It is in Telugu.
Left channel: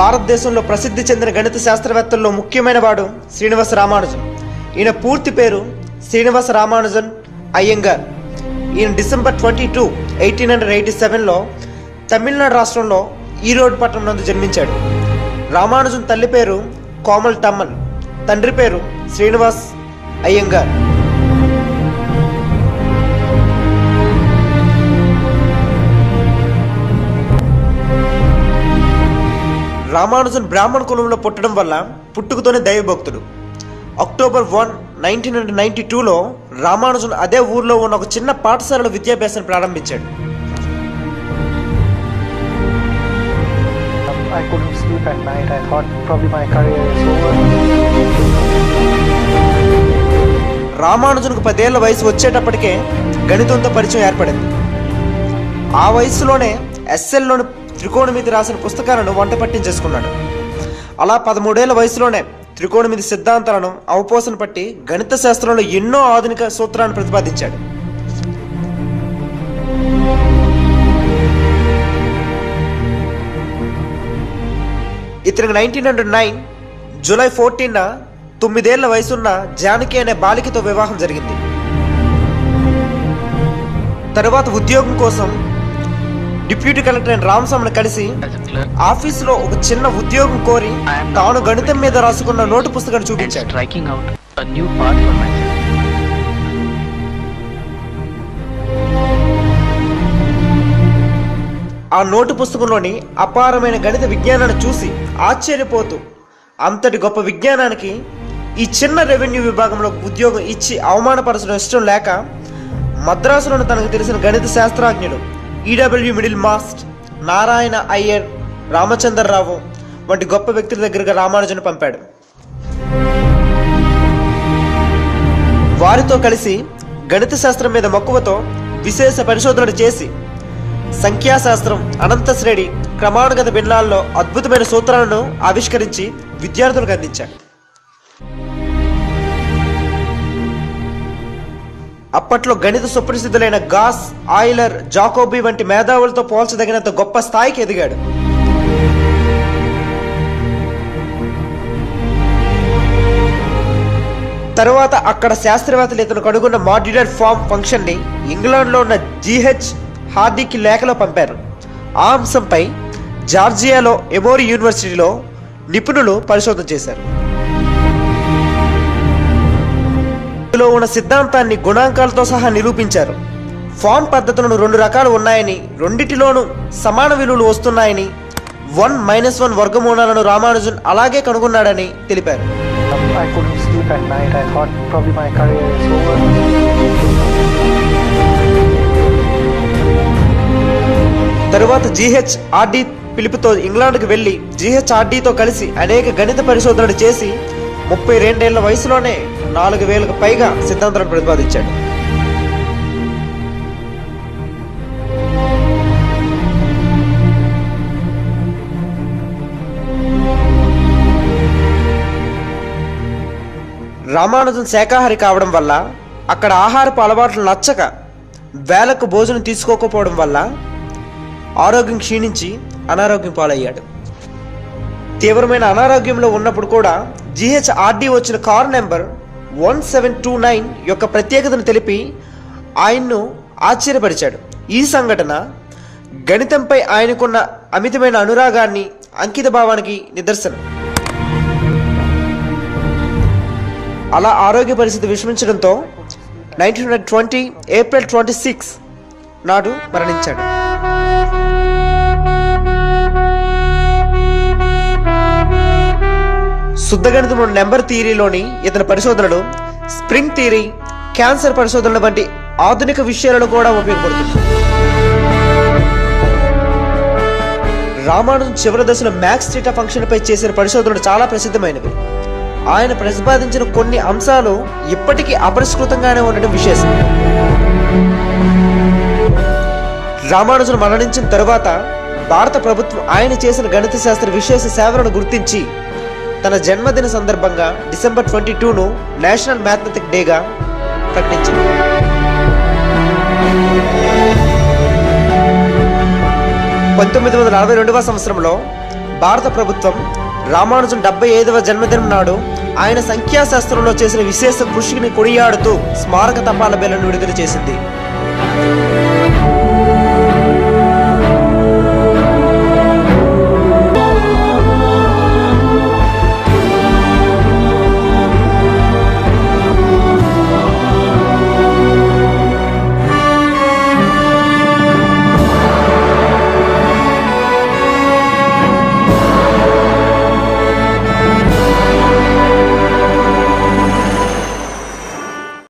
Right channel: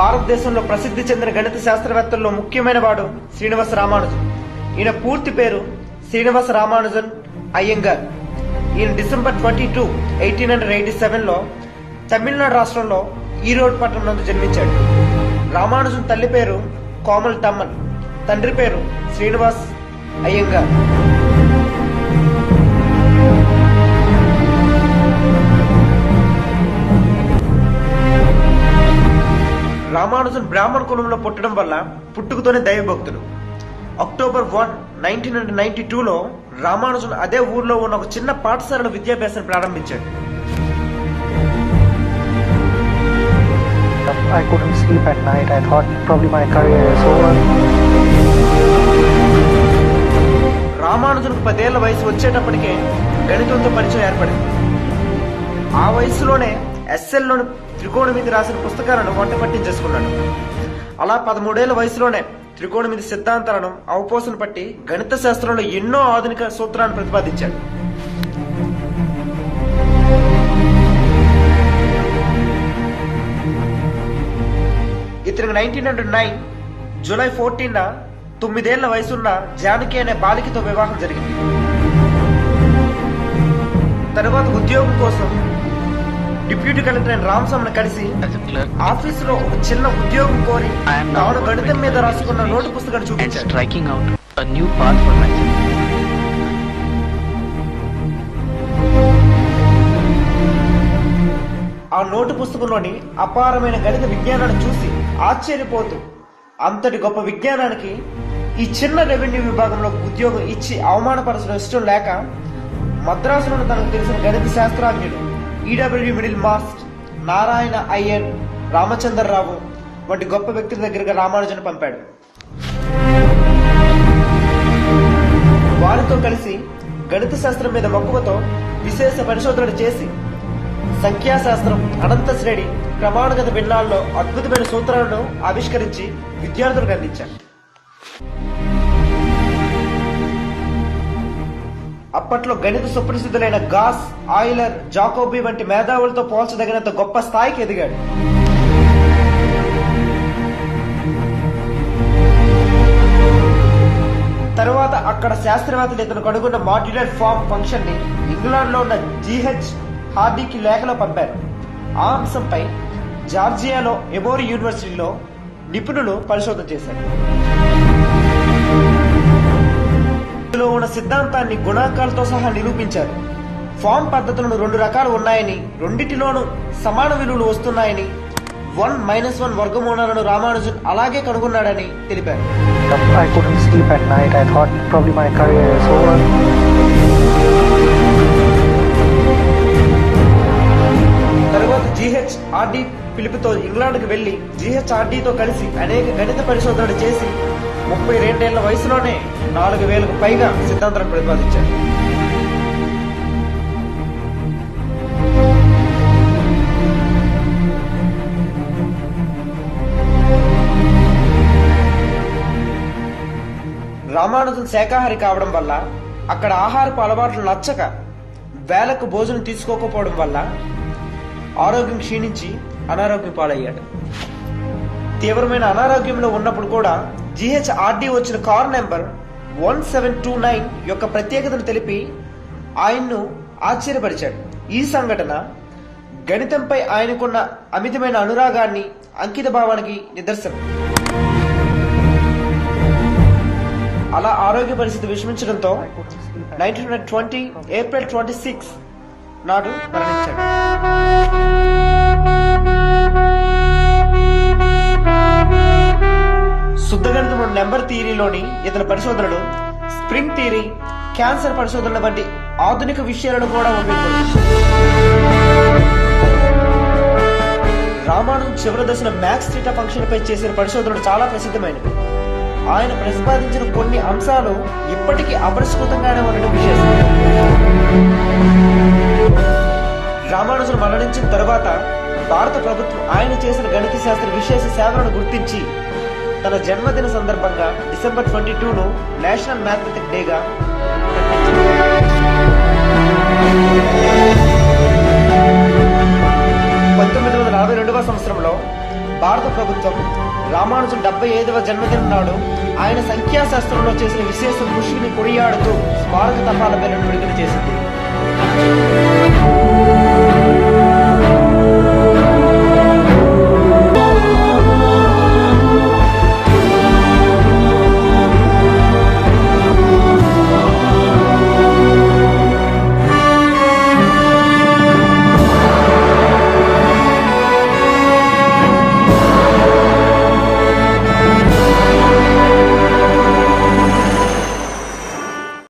భారతదేశంలో ప్రసిద్ధి చెందిన గణిత శాస్త్రవేత్తల్లో ముఖ్యమైన వాడు శ్రీనివాస రామానుజన్. ఈయన పూర్తి పేరు శ్రీనివాస రామానుజన్ అయ్యంగార్. ఈయన డిసెంబర్ 22, 1887లో తమిళనాడు రాష్ట్రంలో ఈరోడ్ పట్టణం నందు జన్మించాడు. రామానుజన్ తల్లి పేరు కోమల్ టమ్మన్, తండ్రి పేరు శ్రీనివాస్ అయ్యంగార్. రామానుజన్ బ్రాహ్మణ కులంలో పుట్టడం వల్ల పుట్టుకతోనే దైవభక్తుడు. అక్టోబర్ 1, 1992లో రామానుజన్ అదే ఊర్లో ఉన్న ఒక చిన్న పాఠశాలలో విద్యాభ్యాసం ప్రారంభించాడు. I couldn't sleep at night. I thought probably my career is over. రామానుజన్కు 10 ఏళ్ల వయసు వచ్చేటప్పటికే గణితంతో పరిచయం ఏర్పడింది. ఆ వయసులోనే ఎస్ఎల్లోని త్రికోణమితి రాసిన పుస్తకాలను వంట పట్టించేసుకున్నాడు. అలా 13 ఏళ్ల వయసులోనే త్రికోణమితి సిద్ధాంతాలను అవపోసన పట్టి గణిత శాస్త్రంలో ఎన్నో ఆధునిక సూత్రాలను ప్రతిపాదించాడు. ఇతనికి 1909 జూలై 14న 9 ఏళ్ల వయసున్న జానకి అనే బాలికతో వివాహం జరిగింది. తరువాత ఉద్యోగం కోసం డిప్యూటీ కలెక్టర్ అయిన రామస్వామిని కలిసి ఆఫీసులో ఒక చిన్న ఉద్యోగం కోరి తాను గణితం మీద రాసుకున్న నోటు పుస్తకాన్ని చూపించాడు. ఆ నోటు పుస్తకంలోని అపారమైన గణిత విజ్ఞానాన్ని చూసి ఆశ్చర్యపోతూ అంతటి గొప్ప విజ్ఞానానికి ఈ చిన్న రెవెన్యూ విభాగంలో ఉద్యోగం ఇచ్చి అవమానపరచడం ఇష్టం లేక మద్రాసులోని తనకు తెలిసిన గణిత శాస్త్రజ్ఞులు E W Middlemast, Narayana Iyer, Ramachandra Rao వంటి గొప్ప వ్యక్తుల దగ్గరగా రామానుజన్ పంపాడు. వారితో కలిసి గణిత శాస్త్రం మీద మక్కువతో విశేష పరిశోధనలు చేసి సంఖ్యాశాస్త్రం, అనంత శ్రేణి, క్రమానుగత భిన్నాల్లో అద్భుతమైన సూత్రాలను ఆవిష్కరించి విద్యార్థులకు అందించాడు. అప్పట్లో గణిత సుప్రసిద్ధులైన గాస్, ఆయిలర్, జాకోబీ వంటి మేధావులతో పోల్చదగినంత గొప్ప స్థాయికి ఎదిగాడు. తరువాత అక్కడ శాస్త్రవేత్తలు ఇతను కనుగొన్న మాడ్యులర్ ఫార్మ్ ఫంక్షన్ ని ఇంగ్లాండ్లో ఉన్న జిహెచ్ హార్డీకి లేఖలో పంపారు. ఆ అంశంపై జార్జియాలో ఎమోరీ యూనివర్సిటీలో నిపుణులు పరిశోధన చేశారు. ఇందులో ఉన్న సిద్ధాంతాన్ని గుణాంకాలతో సహా నిరూపించారు. ఫార్మ్ పద్ధతులను 2 రకాలు ఉన్నాయని, రెండిటిలోనూ సమాన విలువలు వస్తున్నాయని, 1-1 వర్గమూలాలను రామానుజన్ అలాగే కనుగొన్నాడని తెలిపారు. I couldn't sleep at night. I thought probably my career is over. తరువాత జిహెచ్ఆర్డి పిలుపుతో ఇంగ్లాండ్కి వెళ్లి జిహెచ్ఆర్డితో కలిసి అనేక గణిత పరిశోధనలు చేసి 32 ఏళ్ల వయసులోనే 4000కు పైగా సిద్ధాంతాలను ప్రతిపాదించాడు. రామానుజన్ శాకాహారి కావడం వల్ల అక్కడ ఆహారపు అలవాట్లు నచ్చక వేలకు భోజనం తీసుకోకపోవడం వల్ల ఆరోగ్యం క్షీణించి అనారోగ్యం పాలయ్యాడు. తీవ్రమైన అనారోగ్యంలో ఉన్నప్పుడు కూడా జిహెచ్ఆర్డి వచ్చిన కార్ నెంబర్ 1729 యొక్క ప్రత్యేకతను తెలిపి ఆయన్ను ఆశ్చర్యపరిచాడు. ఈ సంఘటన గణితంపై ఆయనకున్న అమితమైన అనురాగాన్ని, అంకిత భావానికి నిదర్శనం. అలా ఆరోగ్య పరిస్థితి విషమించడంతో 1920 ఏప్రిల్ 26 నాడు మరణించాడు. శుద్ధ గణితం నెంబర్ థియరీలోని ఇతని పరిశోధనలు స్ప్రింగ్ థియరీ, క్యాన్సర్ పరిశోధనల వంటి ఆధునిక విషయాలను కూడా ఉపయోగపడుతుంది. రామానుజన్ చివరి దశలో మ్యాక్స్ థీటా ఫంక్షన్ పై చేసిన పరిశోధనలు చాలా ప్రసిద్ధమైనవి. ఆయన ప్రతిపాదించిన కొన్ని అంశాలు ఇప్పటికీ అపరిష్కృతంగానే ఉండడం విశేషం. రామానుజన్ మరణించిన తరువాత భారత ప్రభుత్వం ఆయన చేసిన గణిత శాస్త్ర విశేష సేవలను గుర్తించి తన జన్మదిన సందర్భంగా డిసెంబర్ 22ను నేషనల్ మ్యాథమెటిక్ డేగా ప్రకటించింది. 1942వ సంవత్సరంలో భారత ప్రభుత్వం రామానుజన్ 75వ జన్మదినం నాడు ఆయన సంఖ్యాశాస్త్రంలో చేసిన విశేష కృషిని కొనియాడుతూ స్మారక తపాలా బిళ్లను విడుదల చేసింది.